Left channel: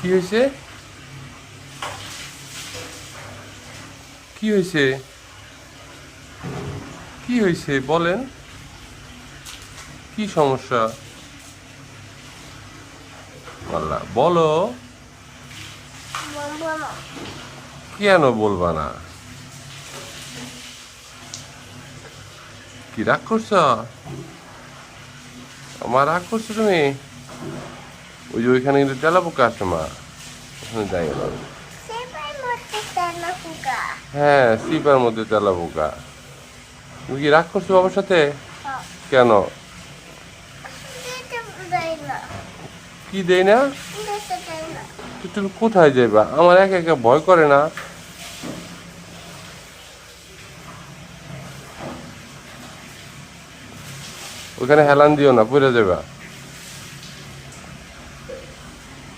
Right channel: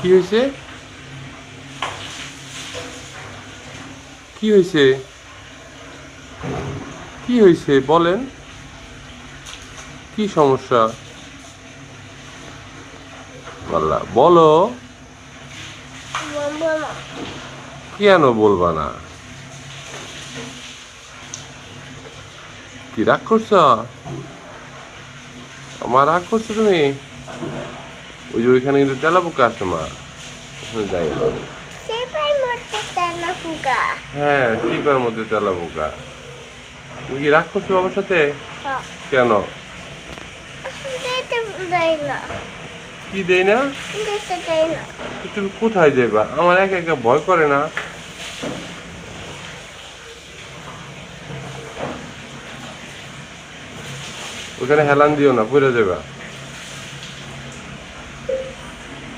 কি হয়েছে? কি হয়েছে? কি হয়েছে বলেন? কি সমস্যা? আল্লাহ বলো। বলবো না। কেন বলবা না? কি রাগ করছ? আমার রাগ করছো তুমি? ওই যে ওইখানে কিন্তু তেলা পোকা আছে মা, ওখানে যাই না। সেটাই মরতে চায় না ফুকা। হ্যাঁ, শিকার মধ্যে তেলা পোকা। তুমি কি রাগ করছো বাবার সাথে? কেন? দিতে দেয় না। কি দেই না? দিতে দেয় না। তো তুমি কোথায় যাইবা? আমার একা একা ভয় করে না? ওখানে হেলান দিও না, পড়ে যাবা।